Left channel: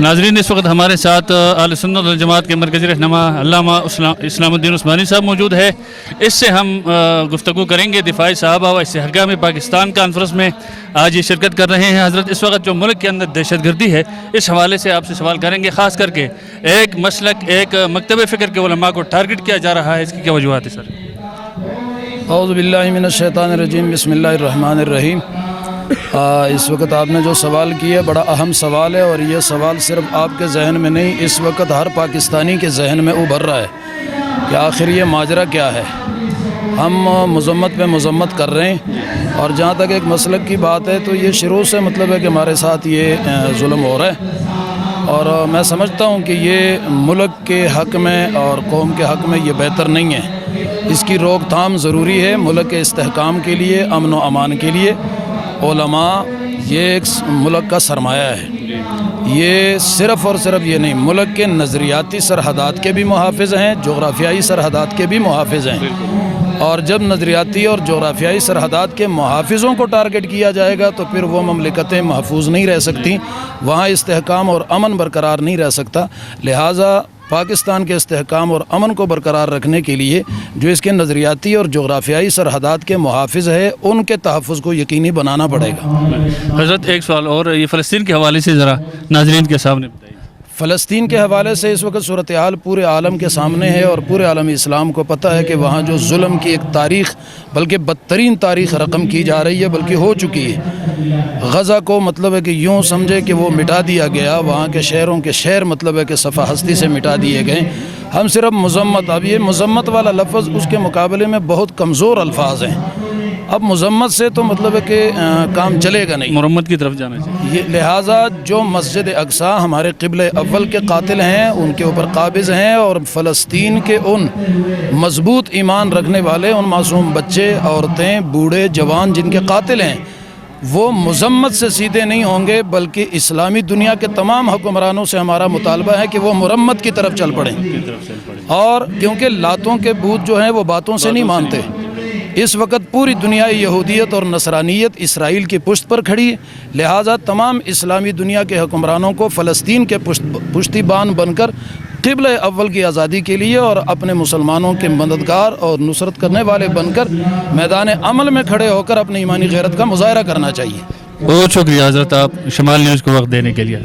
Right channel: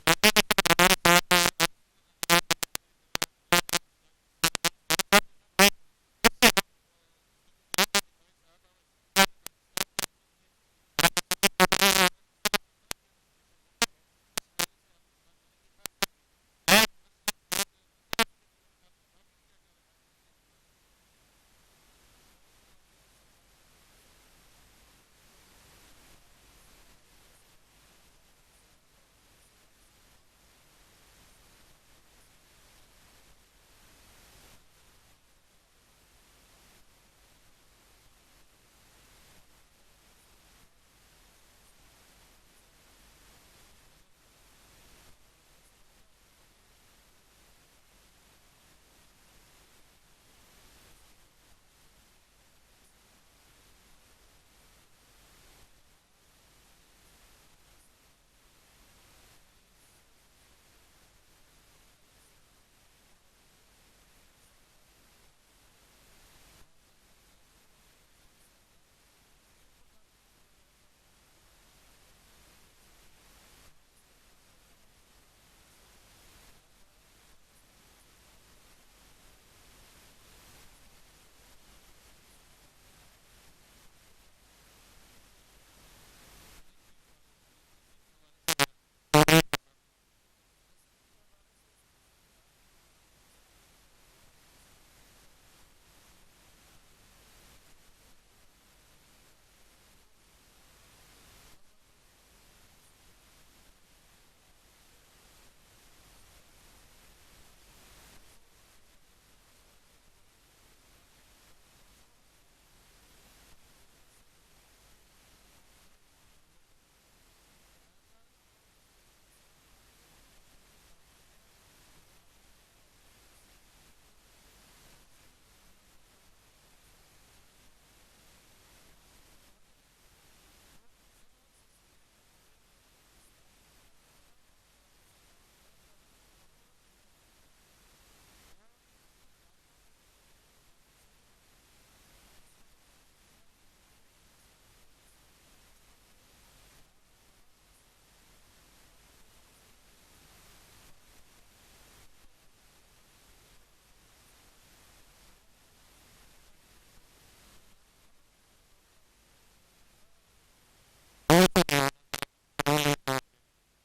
ناظرین اس وقت ہمارے ساتھ اہل سنت والجماعت کے مرکزی رہنما علامہ اسلام الدین عثمانی صاحب موجود ہے. اس سے ہم گفتگو کریں گے دفاعی صحابہ و اس حقام پاکستان کانفرنس میں آج یہ شرکت کر رہے ہیں. حضرت اس وقت جو ملک کے اندر دہشت گردی ہے اس حوالے سے آپ سے سوال کریں گے, خاص کر کے ایک مسلک ایک مکتب فکر کے علماء کو ٹارگٹ کیا جا رہا ہے, اس کی کیا وجوہات ہے سر؟ اعوذ باللہ من الشیطان الرجیم, بسم اللہ الرحمن الرحیم. اس وقت آپ نے جو سوال کیا بڑا اہم سوال ہے, اور یہ سوال صرف آپ کے ذہن میں نہیں, اس وقت ہر پاکستانی کے ذہن میں ابھر رہا ہے کہ آخر یہ ماجرا کیا ہے. ہم مذمت پہ مذمت کر رہے ہیں, اور جہاں تک ایک مسلک کی بات ہے تو یہ شروع سے مطلب ہے کہ ہمارے ساتھ یہ ظلم ہو رہا ہے, اور میں سمجھتا ہوں کہ یہ ملک کے حق میں اور قوم کے حق میں یہ بہتر نہیں ہے. اس کی روک تھام ضروری ہے ملک کے استحکام کے لیے, امن و امان کے لیے. علماء یہ ایک ملک کا سرمایہ ہے, یہ صرف اور صرف یہ نہیں, ملک کے نظریاتی سرحدات کے بھی محافظ ہیں, جغرافیائی سرحدات کے بھی محافظ ہیں. اور جب نظریاتی اور جغرافیائی سرحدات کے محافظوں کو ٹارگٹ کیا جائے گا تو پھر وہ مملکتیں محفوظ نہیں رہ سکتی, وہاں استحکام اور امن برقرار نہیں رہ سکتا. لہٰذا پاکستان کے استحکام اور امن کو برقرار رکھنے کے لیے جو اس کے نظریاتی اور جغرافیائی سرحدات کے محافظ ہے ان کے تحفظ کو یقینی بنانا پڑے گا. حضرت ایک سوال اور, یہ فلسطین کے حوالے سے ذرا ناظرین کے سامنے بتائیے. فلسطین کے حوالے سے اس وقت صورتحال پورے عالم کے سامنے ہے, اور پورے عالم اسلام کو پتہ ہے کہ وہاں جو ظلم کی ایک تاریخ, بلکہ بدترین تاریخ رقم کی جا رہی ہے, بلکہ ہو چکی ہے. غزہ کو مطلب ہے کہ یوں سمجھے کہ وہ مٹا دیا گیا, وہاں کے شہروں کے شہر مطلب ہے کہ صفحہ ہستی سے مٹا دیے گئے. ہم صرف مذمت, اب یہ مذمت والا لفظ اس کے مقابلے میں بہت کمزور الفاظ ہیں. اب مذمت سے تو مطلب ہے کہ کام چلے گا نہیں, مرمت کی طرف جانا چاہیے. لہٰذا جو مسجد اقصیٰ ہمارے قبلہ اول کے قاتل ہیں ان کے اوپر قابض ہیں, اور فلسطین کے ان مضبوط ایمان رکھنے والے, ان معصوم بچے, عورتیں, بوڑھے, جوان جن کے قاتل ہیں, وہ مذمت سے سیدھے نہیں ہوں گے, بلکہ اسلامی دنیا کے تمام حکمرانوں سے ہمارا مطالبہ ہے کہ وہ مرمت کی طرف چل پڑیں. اور کیونکہ لاتوں کے بت جو ہیں وہ باتوں سے نہیں مانتے. اس وقت پوری دنیا یہودیت اور نصرانیت اسرائیل کی پشت پر کھڑی ہے, لہٰذا تمام اسلامی دنیا کے حکمرانوں کو فلسطین کے پشتی بان بن کر قبلہ اول کی آزادی کے لیے اور اپنے مسلمانوں کے مددگار اور نصرت کرنے والے بن کر میدان عمل میں کھڑے ہو کر اپنی ایمانی غیرت کا مظاہرہ کرنا چاہیے. بہت شکریہ حضرت, آپ شمال نیوز کو وقت دینے کے لیے.